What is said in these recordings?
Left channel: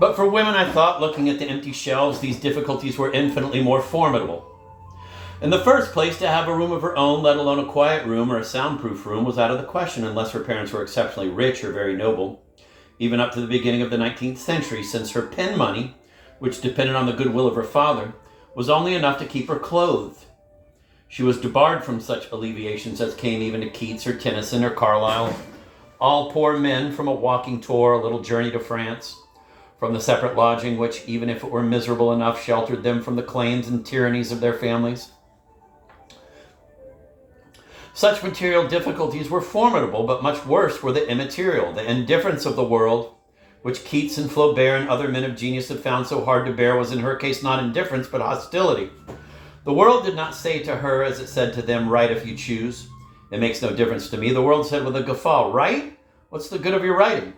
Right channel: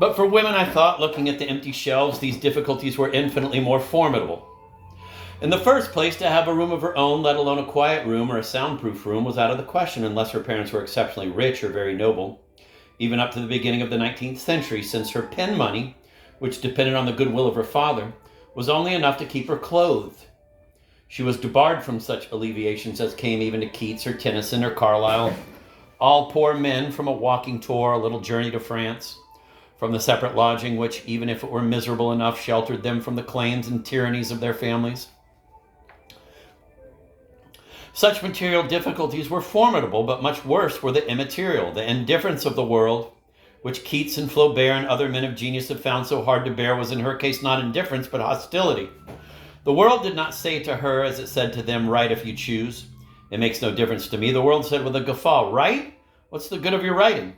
But for women, I thought, looking at the empty shelves, these difficulties were infinitely more formidable. In the first place, to have a room of her own, let alone a quiet room or a soundproof room, was out of the question unless her parents were exceptionally rich or very noble, even up to the beginning of the 19th century, since her pin money, which depended on the goodwill of her father, was only enough to keep her clothed. She was debarred from such alleviations as came even to Keats or Tennyson or Carlyle, all poor men from a walking tour, a little journey to France, from the separate lodging which, even if it were miserable enough, sheltered them from the claims and tyrannies of their families. Such material difficulties were formidable, but much worse were the immaterial, the indifference of the world, which Keats and Flaubert and other men of genius had found so hard to bear, was in her case not indifference, but hostility. The world did not say to her, as it said to them, "Write if you choose. It makes no difference to me." The world said with a guffaw, "Write? What's the good of your writing?"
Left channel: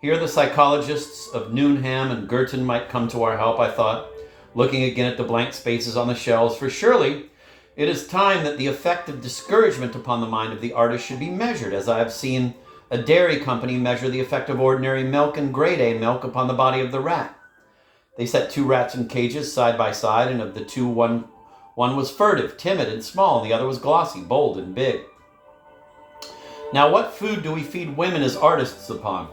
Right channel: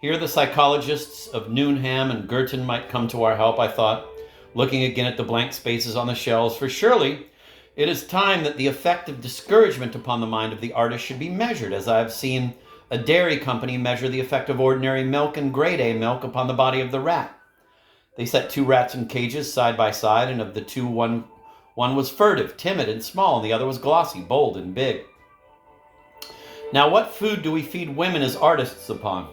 Here the psychologists of Newnham and Girton might come to our help, I thought, looking again at the blank spaces on the shelves, for surely it is time that the effect of discouragement upon the mind of the artist should be measured, as I have seen a dairy company measure the effect of ordinary milk and grade A milk upon the body of the rat. They set 2 rats in cages side by side, and of the 2, one was furtive, timid, and small, and the other was glossy, bold, and big. Now, what food do we feed women as artists upon?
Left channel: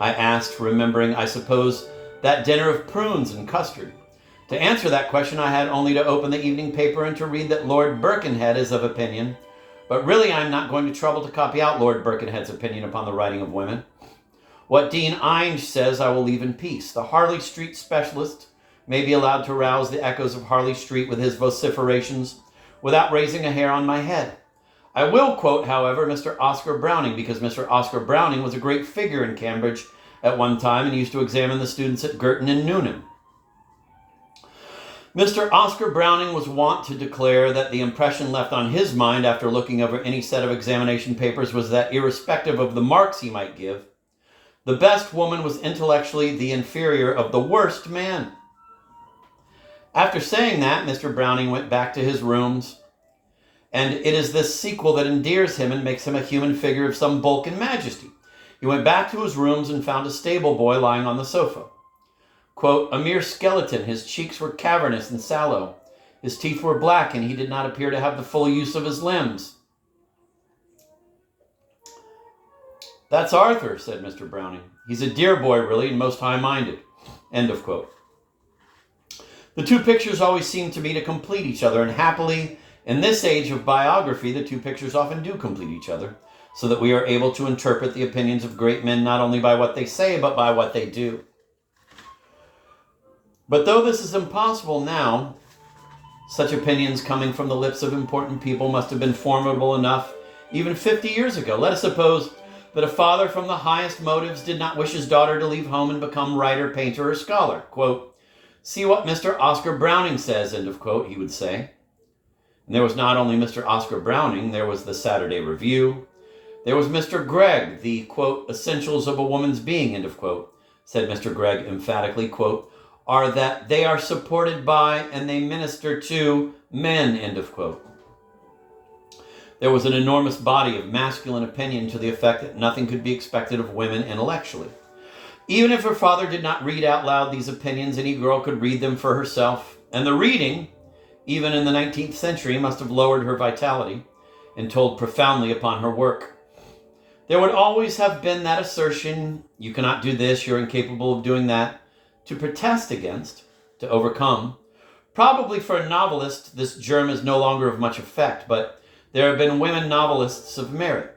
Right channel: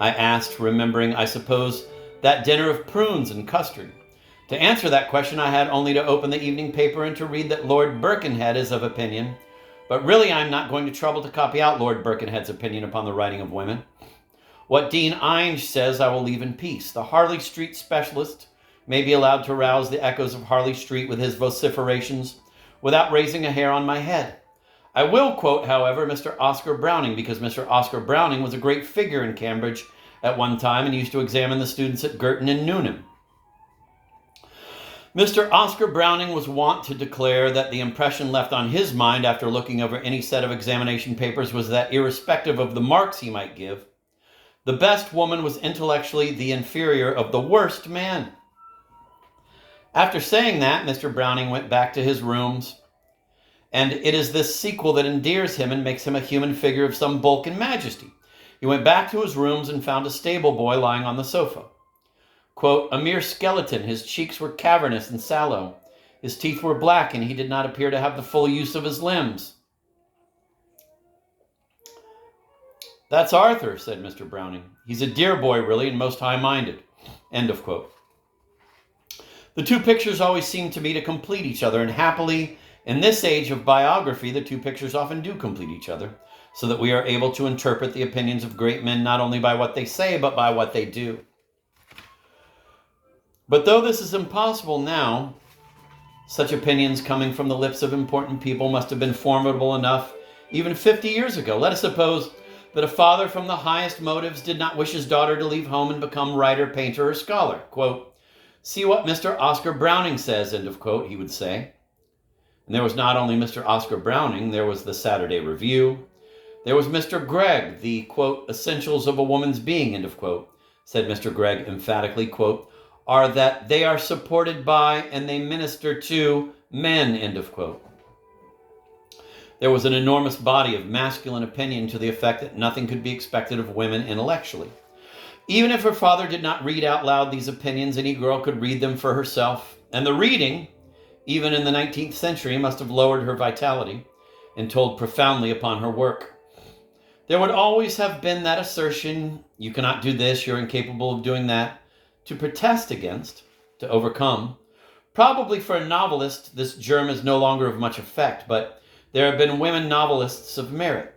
I asked, remembering, I suppose, that dinner of prunes and custard. To answer that question, I had only to open the evening paper and to read that Lord Birkenhead is of opinion. But really, I am not going to trouble to copy out Lord Birkenhead's opinion upon the writing of women. What Dean Inge says I will leave in peace. The Harley Street specialist may be allowed to rouse the echoes of Harley Street with his vociferations without raising a hair on my head. I will quote, however, Mr. Oscar Browning, because Mr. Oscar Browning was a great figure in Cambridge at one time and used to examine the students at Girton and Newnham. Mr. Oscar Browning was wont to declare that the impression left on his mind after looking over any set of examination papers was that, irrespective of the marks he might give, the best woman was intellectually the inferior of the worst man. After saying that, Mr. Browning went back to his rooms, and it is this sequel that endears him and makes him a human figure of some bulk and majesty. He went back to his rooms and found a stable boy lying on the sofa. Quote, a mere skeleton, his cheeks were cavernous and sallow. His teeth were black, and he did not appear to have the full use of his limbs. That's Arthur, said Mr. Browning. He's a dear boy, really, and most high-minded. End of quote. The 2 pictures always seem to me to complete each other, and happily, in this age of biography, the 2 pictures often do complete each other, so that we are able to interpret the opinions of great men not only by what they say, but by what they do. But though this is impossible now, such opinions coming from the lips of important people must have been formidable enough even 50 years ago. Let us suppose that a father from the highest motives did not wish his daughter to leave home and become writer, painter, or scholar. Quote, see what Mr. Oscar Browning says, end of quote, he would say. And there was not only Mr. Oscar Browning, there was the Saturday Review. There was Mr. Gregg, the, quote, essentials of a woman's being, end of quote, said Mr. Gregg emphatically, quote, are that they are supported by and they minister to men, end of quote. There was an enormous body of masculine opinion to the effect that nothing could be expected of women intellectually. Even if her father did not read out loud these opinions, any girl could read them for herself. And the reading, even in the 19th century, must have lowered her vitality and told profoundly upon her work. There would always have been that assertion, you cannot do this, you're incapable of doing that, to protest against, to overcome. Probably for a novelist, this germ is no longer of much effect, but there have been women novelists of merit.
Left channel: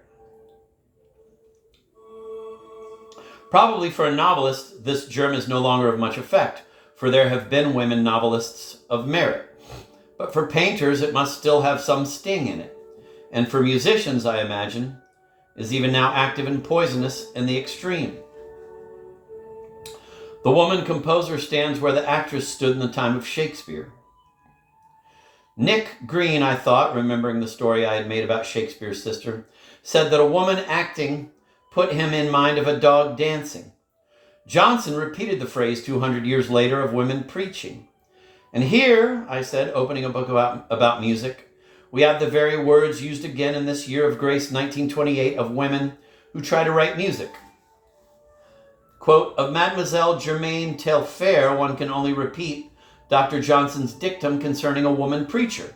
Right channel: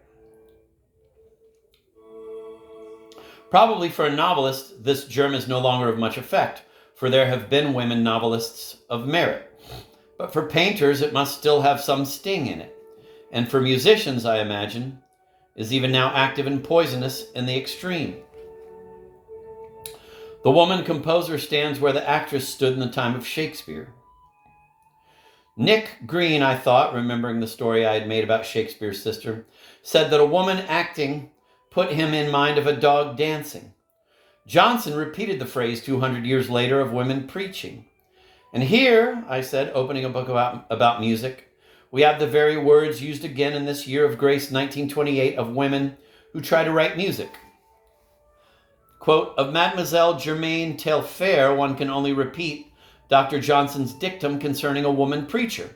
Probably for a novelist, this germ is no longer of much effect, for there have been women novelists of merit. But for painters, it must still have some sting in it. And for musicians, I imagine, is even now active and poisonous in the extreme. The woman composer stands where the actress stood in the time of Shakespeare. Nick Green, I thought, remembering the story I had made about Shakespeare's sister, said that a woman acting put him in mind of a dog dancing. Johnson repeated the phrase 200 years later of women preaching. And here, I said, opening a book about music, we have the very words used again in this year of grace 1928 of women who try to write music. Quote, of Mademoiselle Germaine Taillefer, one can only repeat Dr. Johnson's dictum concerning a woman preacher,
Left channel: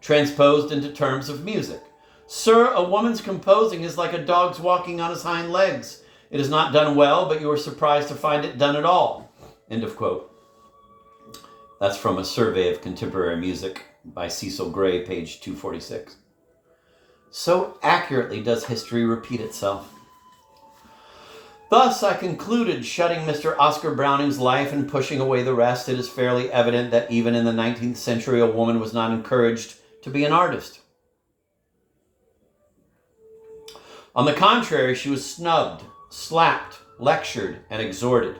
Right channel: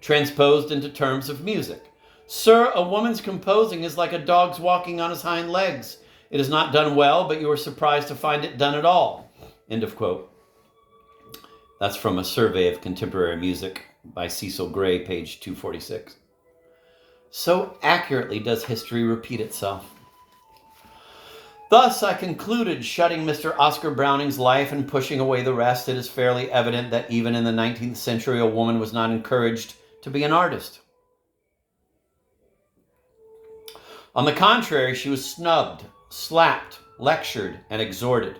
transposed into terms of music. Sir, a woman's composing is like a dog's walking on his hind legs. It is not done well, but you are surprised to find it done at all. End of quote. That's from a survey of contemporary music by Cecil Gray, page 246. So accurately does history repeat itself. Thus, I concluded, shutting Mr. Oscar Browning's life and pushing away the rest, it is fairly evident that even in the 19th century, a woman was not encouraged to be an artist. On the contrary, she was snubbed, slapped, lectured, and exhorted.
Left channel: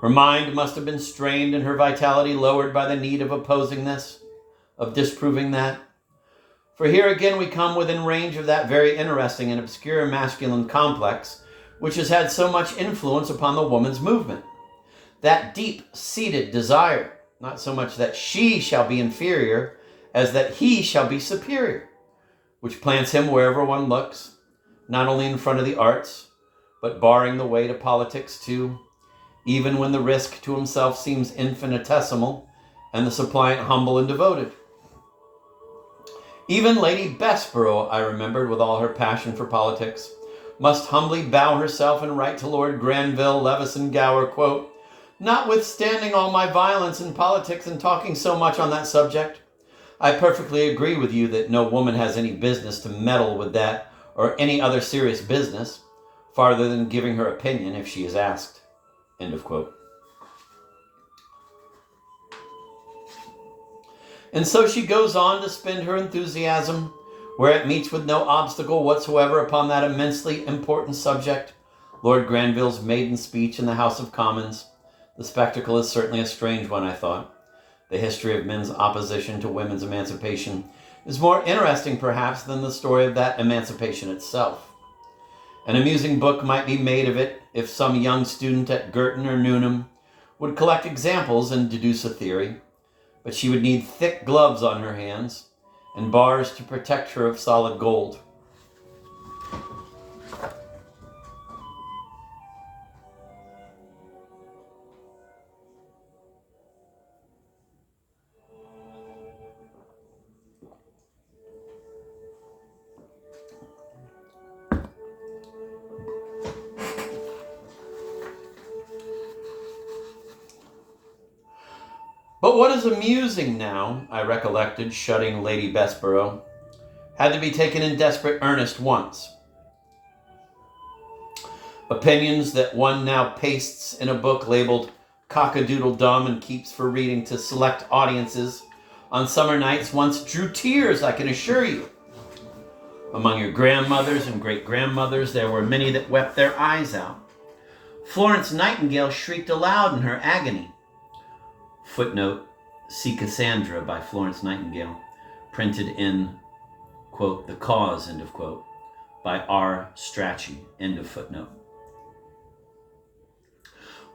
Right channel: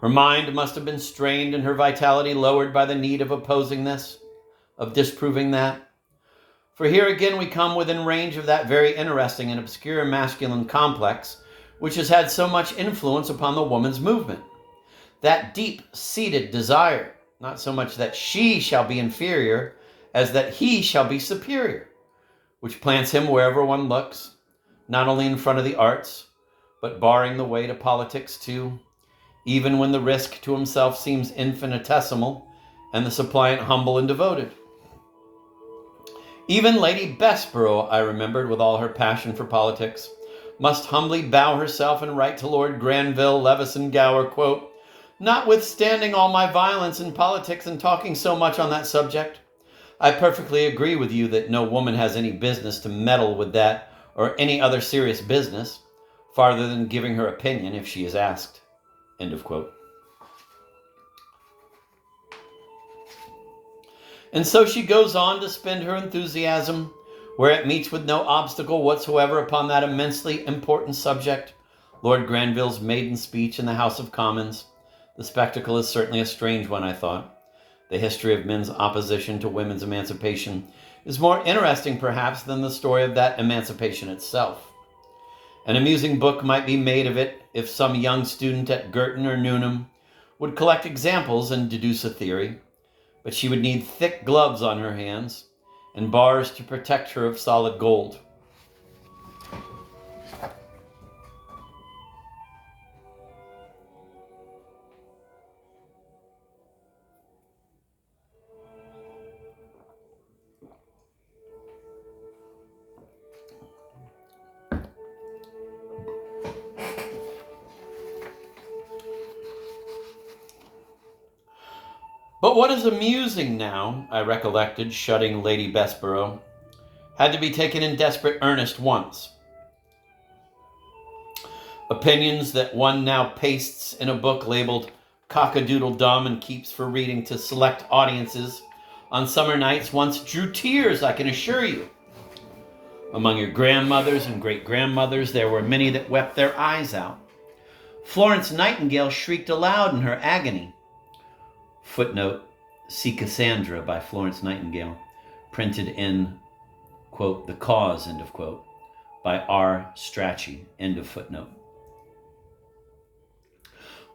Her mind must have been strained and her vitality lowered by the need of opposing this, of disproving that. For here again we come within range of that very interesting and obscure masculine complex which has had so much influence upon the woman's movement. That deep-seated desire, not so much that she shall be inferior as that he shall be superior, which plants him wherever one looks, not only in front of the arts, but barring the way to politics too, even when the risk to himself seems infinitesimal and the suppliant humble and devoted. Even Lady Bessborough, I remembered, with all her passion for politics, must humbly bow herself and write to Lord Granville Levison Gower, quote, notwithstanding all my violence in politics and talking so much on that subject, I perfectly agree with you that no woman has any business to meddle with that or any other serious business, farther than giving her opinion if she is asked. End of quote. And so she goes on to spend her enthusiasm where it meets with no obstacle whatsoever upon that immensely important subject, Lord Granville's maiden speech in the House of Commons. The spectacle is certainly a strange one, I thought. The history of men's opposition to women's emancipation is more interesting, perhaps, than the story of that emancipation itself. An amusing book might be made of it if some young student at Girton or Newnham would collect examples and deduce a theory, but she would need thick gloves on her hands and bars to protect her of solid gold. But what is amusing now, I recollected, shutting Lady Bessborough, had to be taken in desperate earnest once. Opinions that one now pastes in a book labeled Cock-a-Doodle-Dum and keeps for reading to select audiences on summer nights once drew tears, I can assure you. Among your grandmothers and great-grandmothers, there were many that wept their eyes out. Florence Nightingale shrieked aloud in her agony. Footnote, see Cassandra by Florence Nightingale, printed in, quote, The Cause, end of quote, by R. Strachey, end of footnote.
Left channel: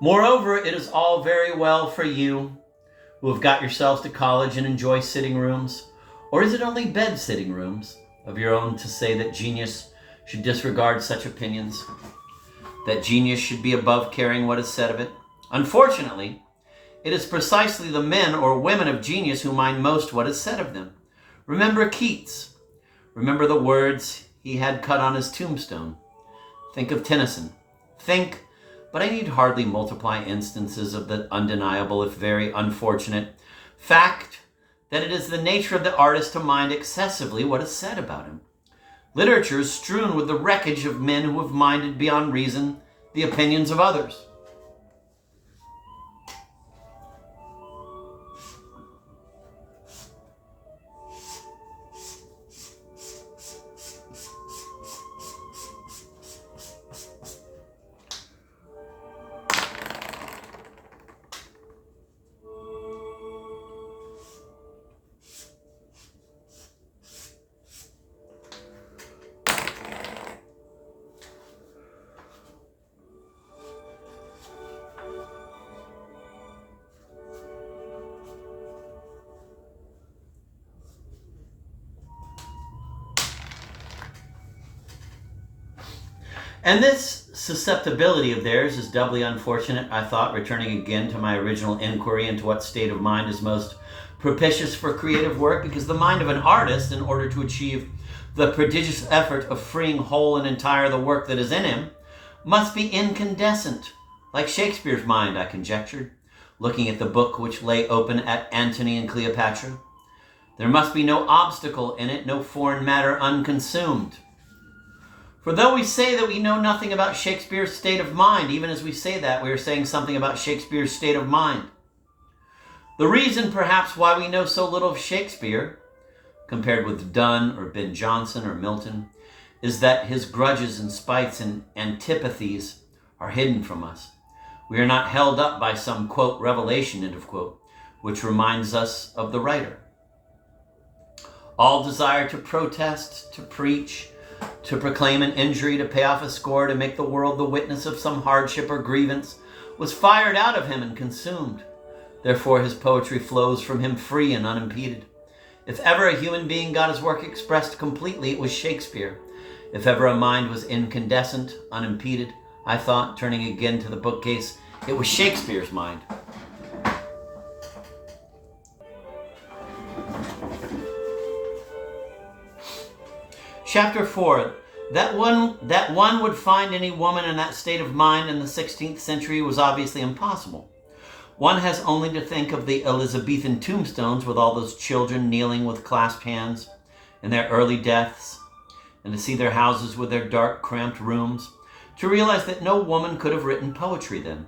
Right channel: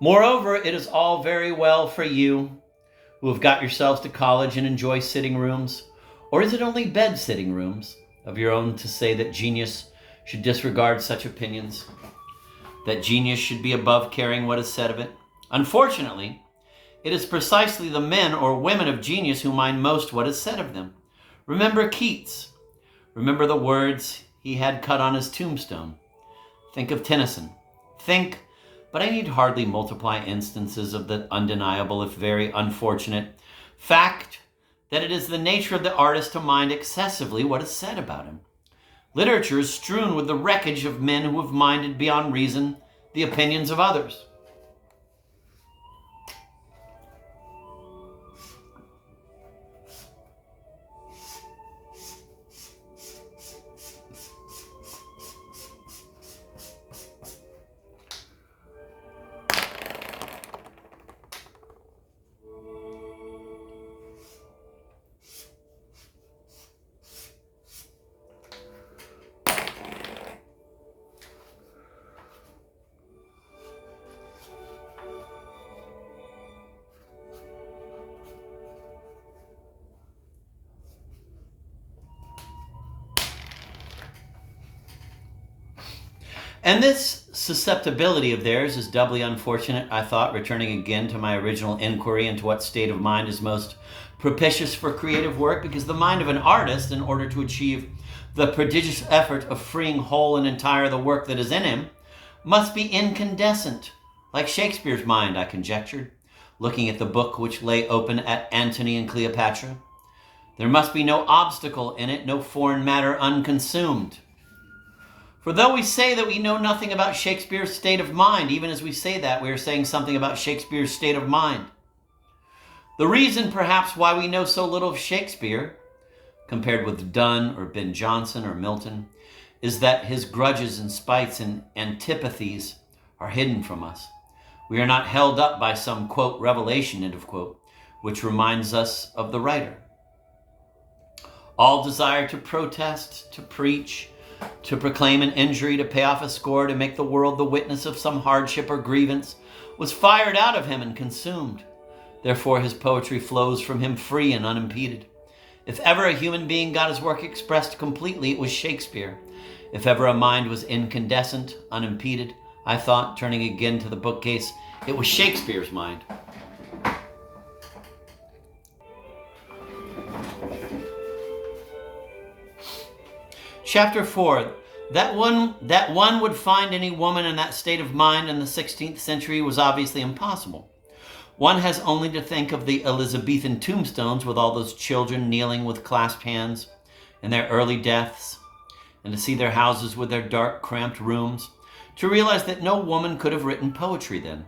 Moreover, it is all very well for you who have got yourselves to college and enjoy sitting rooms, or is it only bed sitting rooms of your own, to say that genius should disregard such opinions, that genius should be above caring what is said of it. Unfortunately, it is precisely the men or women of genius who mind most what is said of them. Remember Keats. Remember the words he had cut on his tombstone. Think of Tennyson. Think, but I need hardly multiply instances of the undeniable, if very unfortunate, fact that it is the nature of the artist to mind excessively what is said about him. Literature is strewn with the wreckage of men who have minded beyond reason the opinions of others. And this susceptibility of theirs is doubly unfortunate, I thought, returning again to my original inquiry into what state of mind is most propitious for creative work, because the mind of an artist, in order to achieve the prodigious effort of freeing whole and entire the work that is in him, must be incandescent, like Shakespeare's mind, I conjectured, looking at the book which lay open at Antony and Cleopatra. There must be no obstacle in it, no foreign matter unconsumed. For though we say that we know nothing about Shakespeare's state of mind, even as we say that, we are saying something about Shakespeare's state of mind. The reason, perhaps, why we know so little of Shakespeare, compared with Donne or Ben Jonson or Milton, is that his grudges and spites and antipathies are hidden from us. We are not held up by some, quote, revelation, end of quote, which reminds us of the writer. All desire to protest, to preach, to proclaim an injury, to pay off a score, to make the world the witness of some hardship or grievance, was fired out of him and consumed. Therefore his poetry flows from him free and unimpeded. If ever a human being got his work expressed completely, it was Shakespeare. If ever a mind was incandescent, unimpeded, I thought, turning again to the bookcase, it was Shakespeare's mind. Chapter 4. That one would find any woman in that state of mind in the 16th century was obviously impossible. One has only to think of the Elizabethan tombstones with all those children kneeling with clasped hands in their early deaths, and to see their houses with their dark, cramped rooms, to realize that no woman could have written poetry then.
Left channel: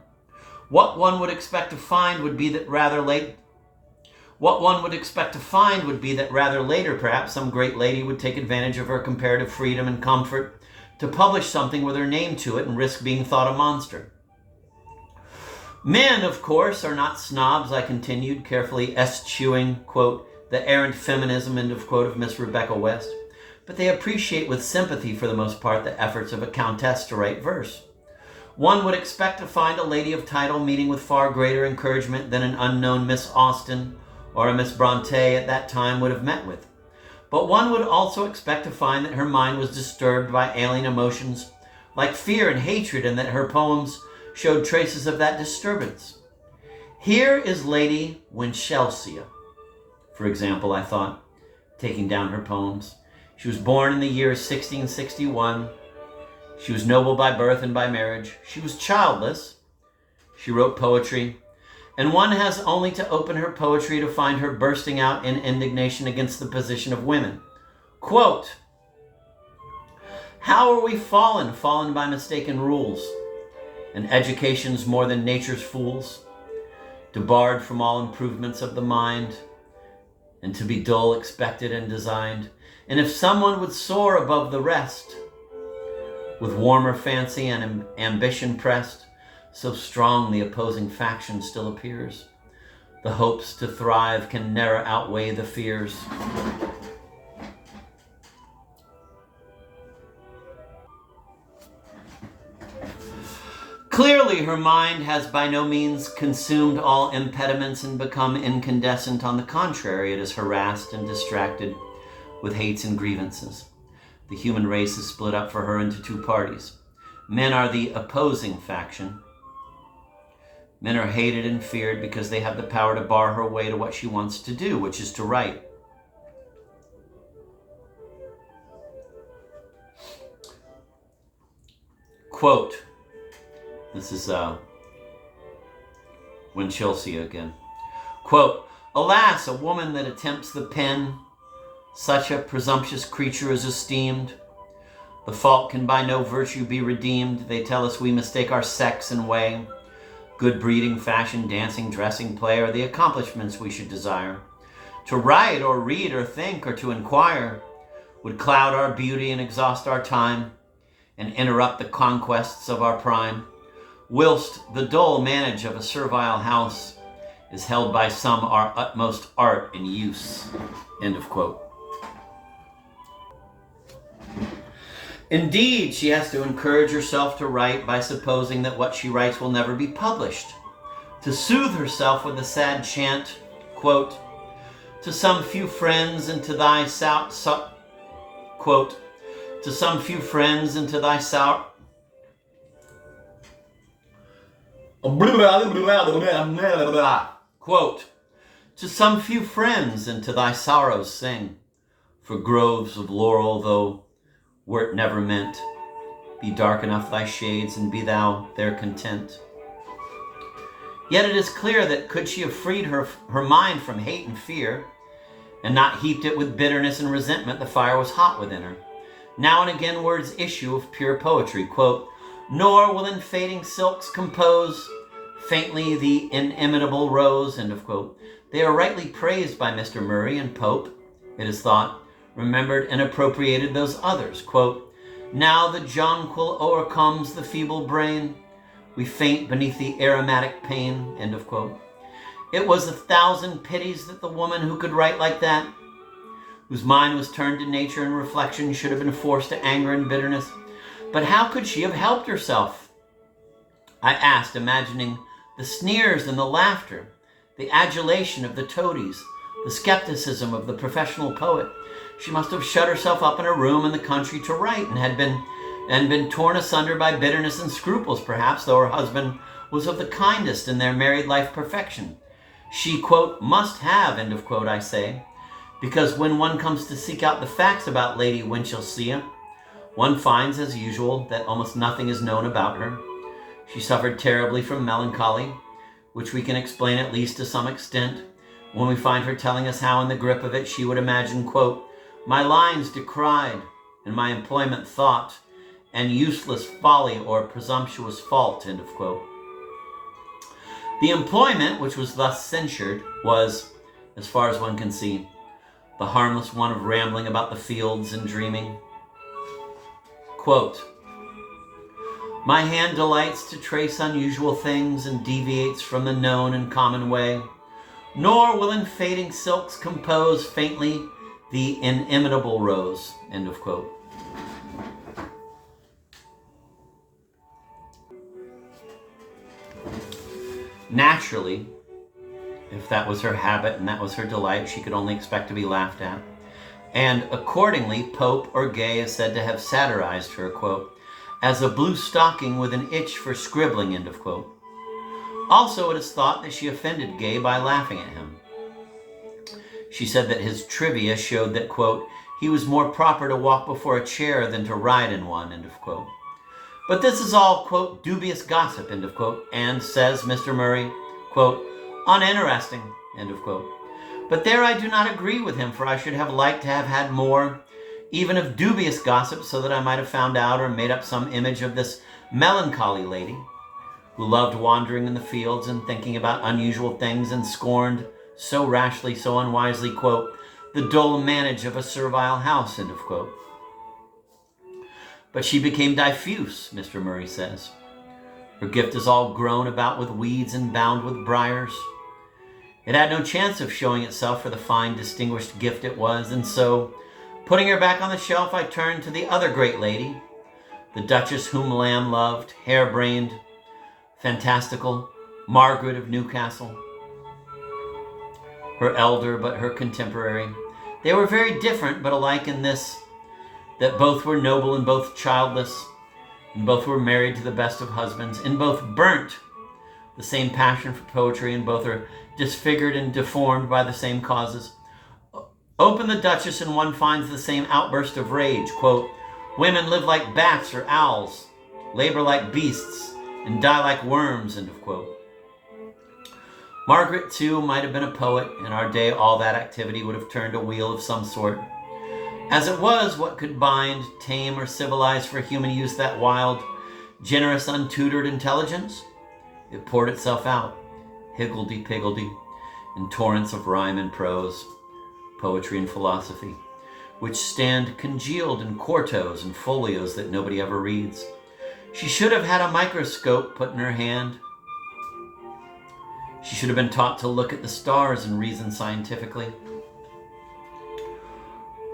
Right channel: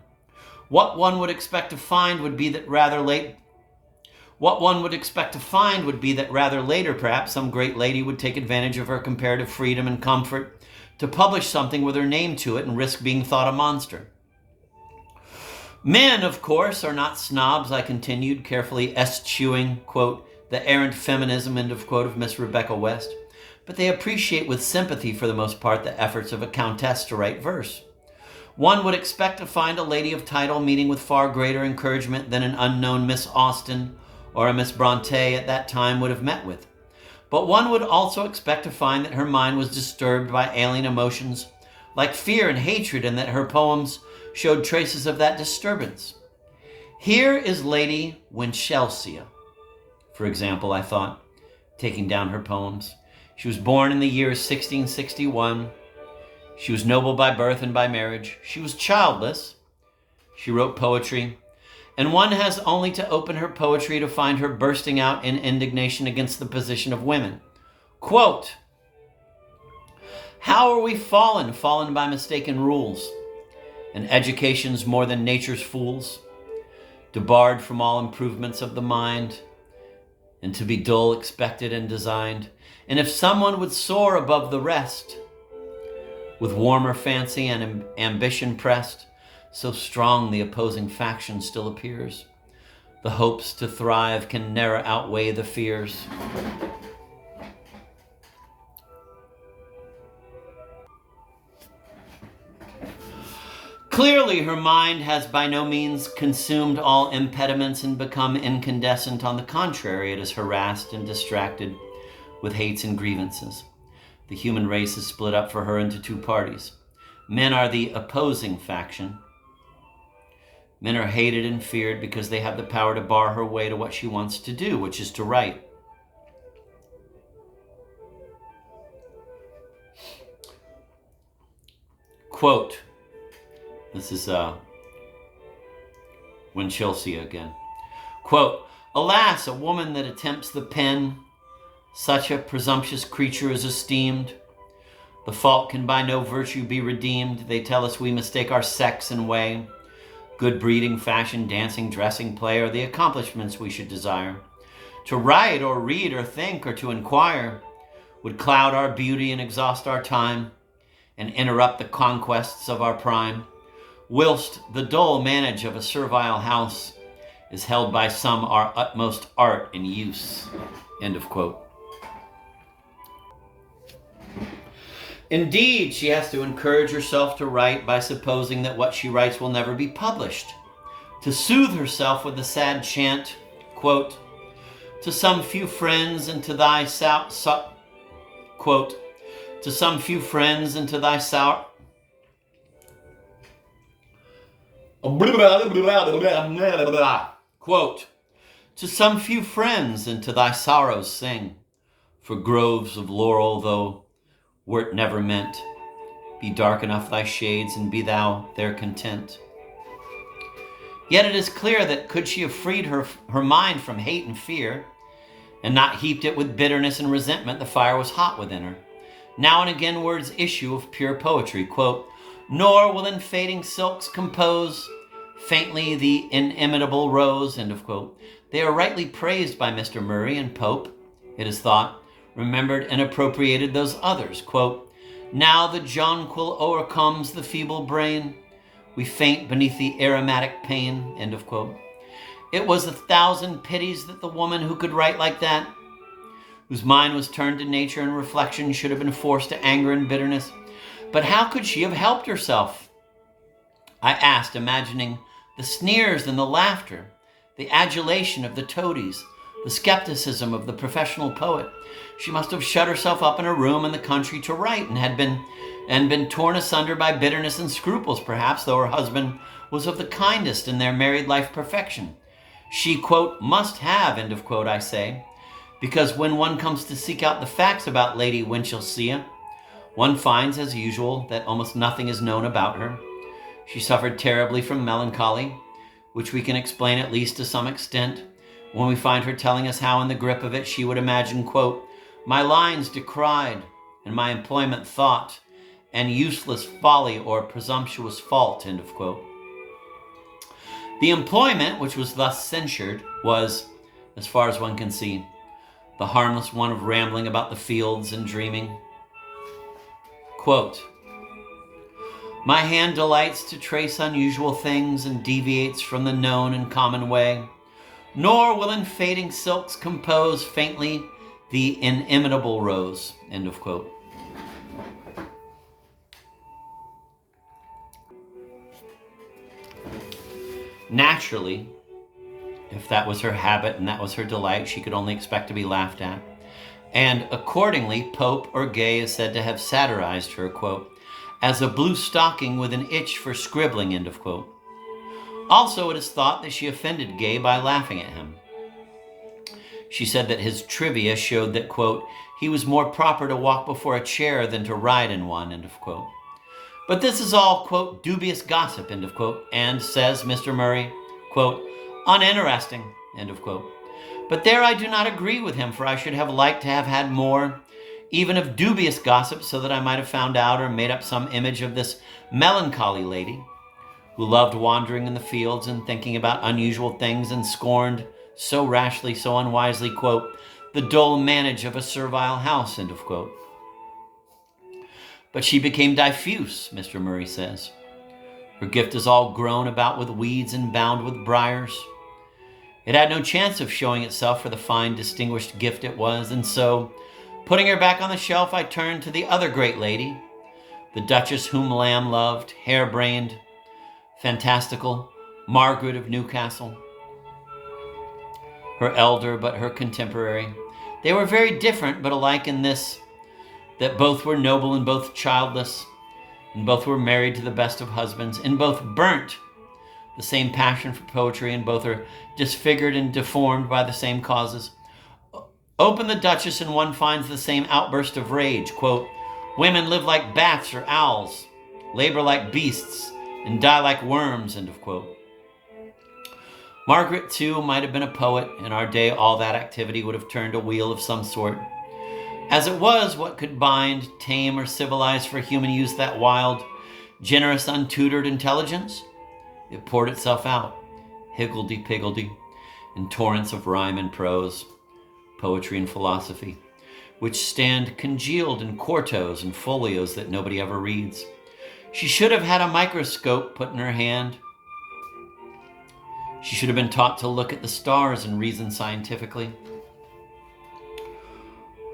What one would expect to find would be that rather later, perhaps, some great lady would take advantage of her comparative freedom and comfort to publish something with her name to it and risk being thought a monster. Men, of course, are not snobs, I continued, carefully eschewing, quote, the errant feminism, end of quote, of Miss Rebecca West, but they appreciate with sympathy, for the most part, the efforts of a countess to write verse. One would expect to find a lady of title meeting with far greater encouragement than an unknown Miss Austen or a Miss Bronte at that time would have met with. But one would also expect to find that her mind was disturbed by alien emotions like fear and hatred, and that her poems showed traces of that disturbance. Here is Lady Winchelsea, for example, I thought, taking down her poems. She was born in the year 1661. She was noble by birth and by marriage. She was childless. She wrote poetry, and one has only to open her poetry to find her bursting out in indignation against the position of women. Quote, "How are we fallen by mistaken rules, and education's more than nature's fools, debarred from all improvements of the mind, and to be dull expected and designed. And if someone would soar above the rest, with warmer fancy and ambition pressed, so strong the opposing faction still appears. The hopes to thrive can ne'er outweigh the fears." Clearly, her mind has by no means consumed all impediments and become incandescent. On the contrary, it is harassed and distracted with hates and grievances. The human race is split up for her into two parties. Men are the opposing faction. Men are hated and feared because they have the power to bar her way to what she wants to do, which is to write. Quote, this is Winchelsea again. Quote, "Alas, a woman that attempts the pen, such a presumptuous creature is esteemed. The fault can by no virtue be redeemed. They tell us we mistake our sex and way. Good breeding, fashion, dancing, dressing, play are the accomplishments we should desire. To write or read or think or to inquire would cloud our beauty and exhaust our time and interrupt the conquests of our prime, whilst the dull manage of a servile house is held by some our utmost art and use." End of quote. Indeed, she has to encourage herself to write by supposing that what she writes will never be published, to soothe herself with the sad chant, quote, "To some few friends and to thy quote, to some few friends and to thy Quote, to some few friends and to thy sorrows sing, for groves of laurel though wert never meant, be dark enough thy shades and be thou there content. Yet it is clear that could she have freed her mind from hate and fear, and not heaped it with bitterness and resentment, the fire was hot within her. Now and again words issue of pure poetry, quote, nor will in fading silks compose faintly the inimitable rose, end of quote. They are rightly praised by Mr. Murray, and Pope, it is thought, remembered and appropriated those others, quote, now the jonquil o'ercomes the feeble brain, we faint beneath the aromatic pain, end of quote. It was 1,000 pities that the woman who could write like that, whose mind was turned to nature and reflection, should have been forced to anger and bitterness. But how could she have helped herself? I asked, imagining the sneers and the laughter, the adulation of the toadies, the skepticism of the professional poet. She must have shut herself up in a room in the country to write, and had been torn asunder by bitterness and scruples, perhaps, though her husband was of the kindest in their married life perfection. She, quote, must have, end of quote, I say, because when one comes to seek out the facts about Lady Winchelsea, one finds, as usual, that almost nothing is known about her. She suffered terribly from melancholy, which we can explain at least to some extent, when we find her telling us how in the grip of it she would imagine, quote, my lines decried, and my employment thought, and useless folly or presumptuous fault, end of quote. The employment, which was thus censured, was, as far as one can see, the harmless one of rambling about the fields and dreaming. Quote, my hand delights to trace unusual things and deviates from the known and common way, nor will in fading silks compose faintly the inimitable rose, end of quote. Naturally, if that was her habit and that was her delight, she could only expect to be laughed at. And accordingly, Pope or Gay is said to have satirized her, quote, as a blue stocking with an itch for scribbling, end of quote. Also, it is thought that she offended Gay by laughing at him. She said that his trivia showed that, quote, he was more proper to walk before a chair than to ride in one, end of quote. But this is all, quote, dubious gossip, end of quote, and, says Mr. Murray, quote, uninteresting, end of quote. But there I do not agree with him, for I should have liked to have had more, even of dubious gossip, so that I might have found out or made up some image of this melancholy lady, who loved wandering in the fields and thinking about unusual things, and scorned so rashly, so unwisely, quote, the dull manage of a servile house, end of quote. But she became diffuse, Mr. Murray says. Her gift is all grown about with weeds and bound with briars. It had no chance of showing itself for the fine, distinguished gift it was, and so, putting her back on the shelf, I turned to the other great lady, the Duchess whom Lamb loved, harebrained, fantastical, Margaret of Newcastle. Her elder, but her contemporary. They were very different, but alike in this, that both were noble and both childless, and both were married to the best of husbands, and both burnt the same passion for poetry, and both are disfigured and deformed by the same causes. Open the Duchess and one finds the same outburst of rage, quote, women live like bats or owls, labor like beasts, and die like worms, end of quote. Margaret, too, might have been a poet. In our day, all that activity would have turned a wheel of some sort. As it was, what could bind, tame, or civilize for human use that wild, generous, untutored intelligence? It poured itself out, higgledy-piggledy, in torrents of rhyme and prose, poetry and philosophy, which stand congealed in quartos and folios that nobody ever reads. She should have had a microscope put in her hand. She should have been taught to look at the stars and reason scientifically.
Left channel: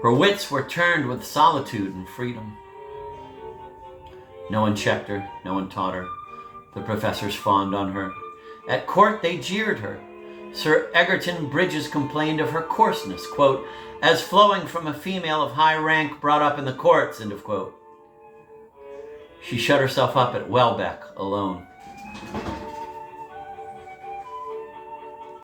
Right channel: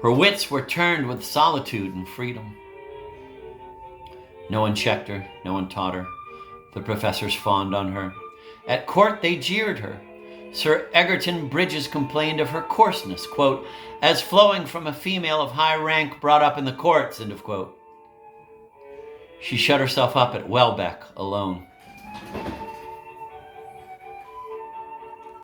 Her wits were turned with solitude and freedom. No one checked her, no one taught her. The professors fawned on her. At court they jeered her. Sir Egerton Bridges complained of her coarseness, quote, as flowing from a female of high rank brought up in the courts, end of quote. She shut herself up at Welbeck alone.